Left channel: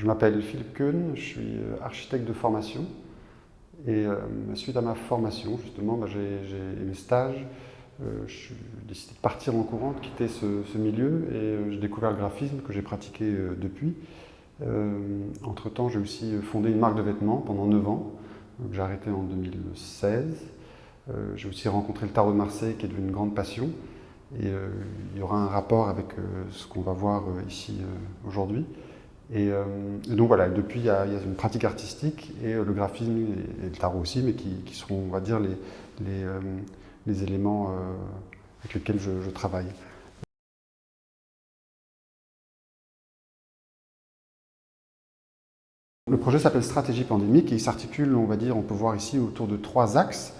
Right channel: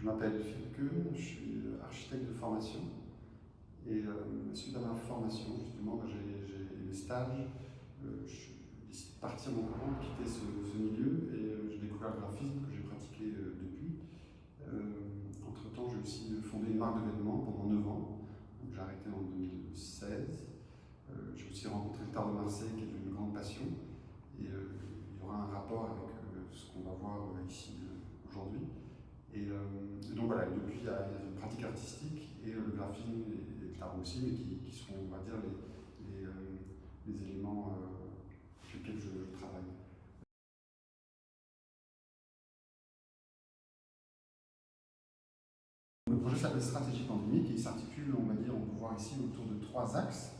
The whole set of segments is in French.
Je m'appelle Philippe Keun, je suis architecte de formation et suite à ma formation, justement, j'ai mes stages, j'ai décidé de partir en courant, de quitter ce milieu et j'ai découvert le graphisme que j'ai pratiqué depuis. Entre-temps, j'ai aussi fondé une marque de vêtements pendant 9 ans, que j'ai arrêté en 2016. J'ai aussi rencontré le tarot de Marseille qui est devenu une grande passion et il y aura un rapport avec ce qu'on va voir ici aujourd'hui. Et donc voilà, depuis il y a une pratique artistique et le graphisme et le tarot aussi, mais qui seront, on va dire, les éléments avec lesquels je travaille. Le projet s'appelle Stratégie pandémique et il s'articule, on va dire, on peut voir ici autour de 3 axes.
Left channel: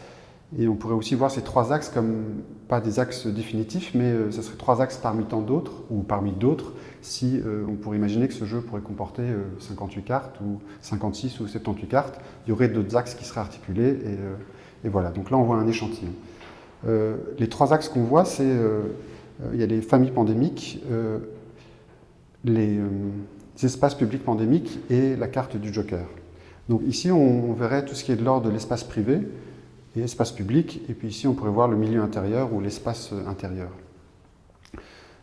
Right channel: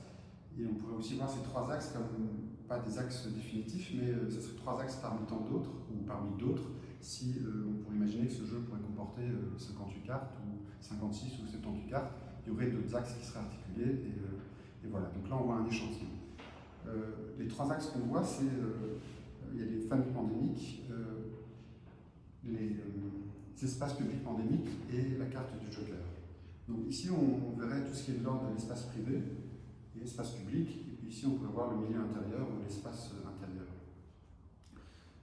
Et on pourrait aussi voir ces 3 axes comme pas des axes définitifs, mais ce seraient 3 axes parmi tant d'autres, ou parmi d'autres, si on pourrait imaginer que ce jeu pourrait comporter 58 cartes, ou 56 ou 78 cartes. Il y aurait d'autres axes qui seraient articulés, et voilà. Donc là, on voit un échantillon. Les 3 axes qu'on voit, c'est il y a les familles pandémiques, les espaces publics pandémiques et la carte du Joker. Donc ici, on verrait tout ce qui est de l'ordre de l'espace privé et espace public, et puis ici, on pourrait voir le milieu intérieur ou l'espace intérieur.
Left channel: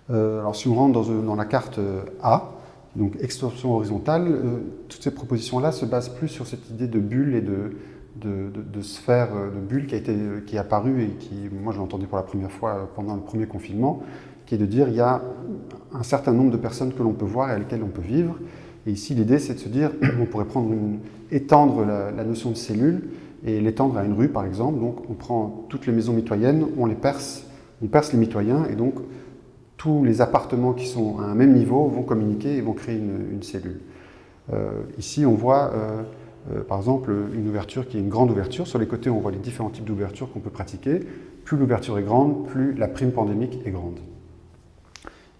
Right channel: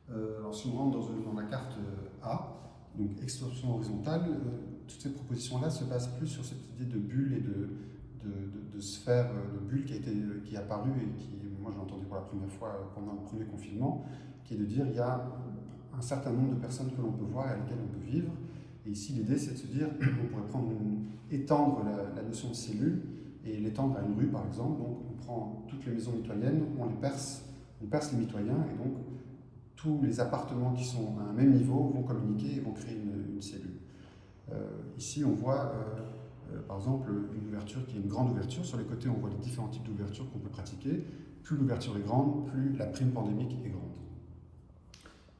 Alors si on rentre dans la carte A, donc extension horizontale, toutes ces propositions-là se basent plus sur cette idée de bulle et de sphère de bulle qui est apparue et qui, moi je l'ai entendu pour la première fois pendant le premier confinement, qui est de dire il y a un certain nombre de personnes que l'on peut voir et avec lesquelles on peut vivre. Et ici l'idée c'est de se dire on pourrait étendre la notion de cellule et l'étendre à une rue par exemple. Donc on prend toutes les maisons mitoyennes, on perce les mitoyens et donc tous les appartements qui sont à un même niveau vont communiquer et vont créer une cellule. Ici on voit par exemple une ouverture qui est une grande ouverture. Sur les côtés on voit les différents types d'ouvertures qu'on peut pratiquer. Plus l'ouverture est grande, plus la prime pandémique est grande.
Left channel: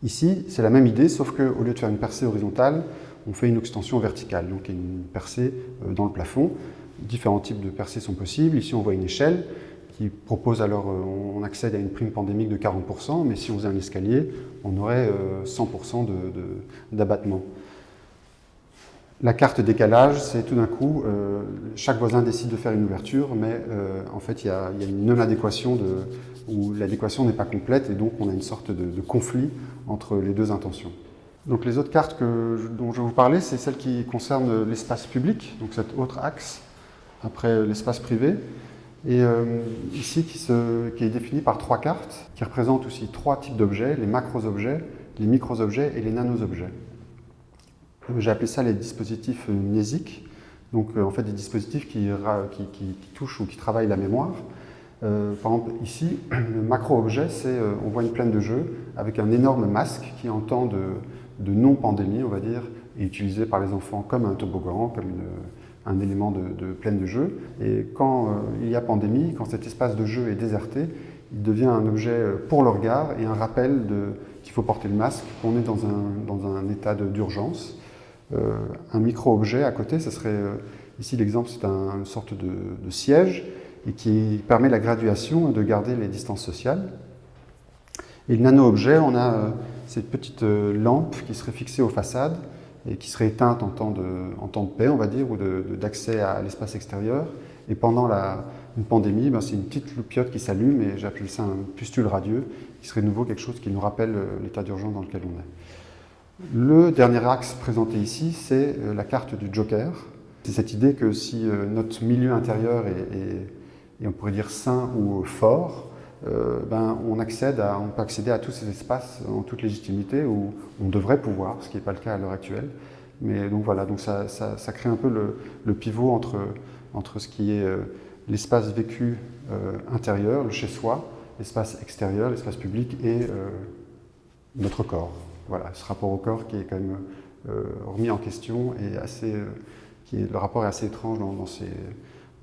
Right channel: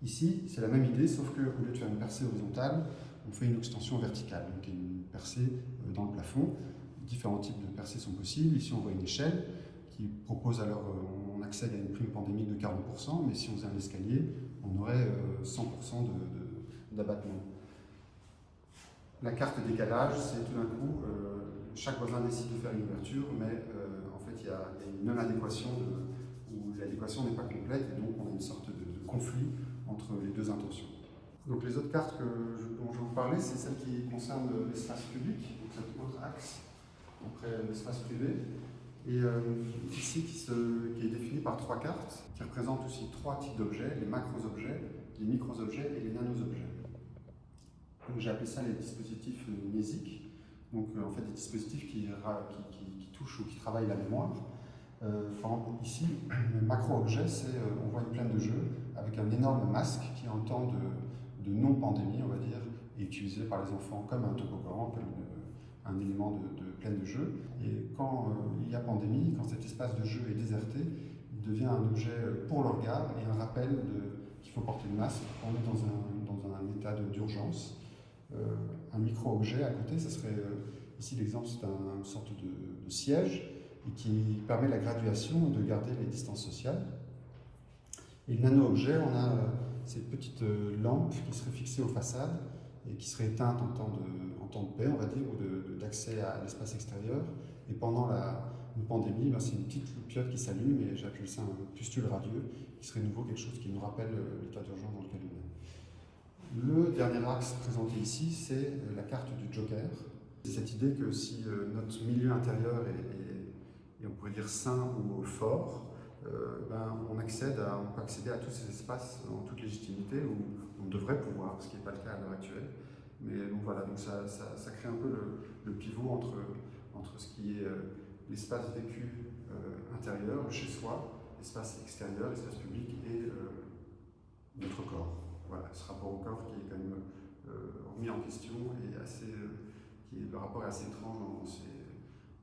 Ici, c'est la même idée, sauf qu'au lieu de faire une percée horizontale, on fait une extension verticale. Donc il y a une percée dans le plafond. Différents types de percées sont possibles. Ici, on voit une échelle qui propose alors, on accède à une prime pandémique de 40%, mais si on faisait un escalier, on aurait 100% d'abattement. La carte décalage, c'est tout d'un coup, chaque voisin décide de faire une ouverture, mais en fait, il y a une non-adéquation où l'adéquation n'est pas complète et donc on a une sorte de conflit entre les deux intentions. Donc les autres cartes dont je vais vous parler, c'est celles qui concernent l'espace public, donc cet autre axe, après l'espace privé, et ici qui est défini par 3 cartes, qui représentent aussi 3 types d'objets, les macros-objets, les micros-objets et les nanos-objets. J'ai appelé ça les dispositifs mnésiques, donc en fait des dispositifs qui touchent ou qui travaillent la mémoire. Par exemple, ici, le macro-objet, on voit une plaine de jeu avec un énorme masque qui, en temps de non-pandémie, on va dire, est utilisé par les enfants comme un toboggan, comme un élément de plaine de jeu. Et quand il y a pandémie, quand cet espace de jeu est déserté, il devient un objet pour le regard et un rappel qu'il faut porter le masque, qu'on est dans un état d'urgence. Un micro-objet à côté, ce serait, ici l'exemple, c'est une sorte de siège, et qui permet la graduation et de garder les distances sociales. Et le nano-objet, on a cette petite lampe qui serait fixée aux façades et qui serait éteinte en temps de paix, on va dire, ou d'accès à l'espace extérieur. Et pendant une pandémie, c'est une petite loupiote qui s'allume, et j'appelle ça un pustule radieux, qui serait de nouveau quelque chose qui nous rappelle l'état d'urgence dans lequel on est. Le dernier axe présenté ici, c'est la carte du Joker. C'est cette idée que si notre milieu intérieur et on pourrait dire sain ou fort, on peut accéder à tous ces espaces en toute légitimité, où on devrait pouvoir, ce qui n'est pas le cas à l'heure actuelle. Mais donc voilà, donc ça crée un peu le pivot entre ce qui est l'espace vécu intérieur, le chez-soi, l'espace extérieur, l'espace public et notre corps. Voilà, ce rapport au corps qui est quand même remis en question et le rapport est assez étrange dans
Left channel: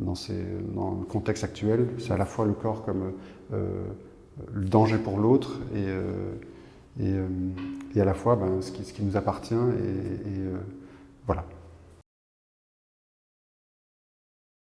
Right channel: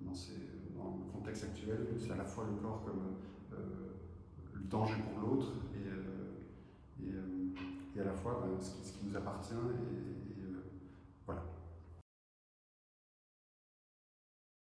le contexte actuel. C'est à la fois le corps comme le danger pour l'autre et à la fois ce qui nous appartient. Voilà.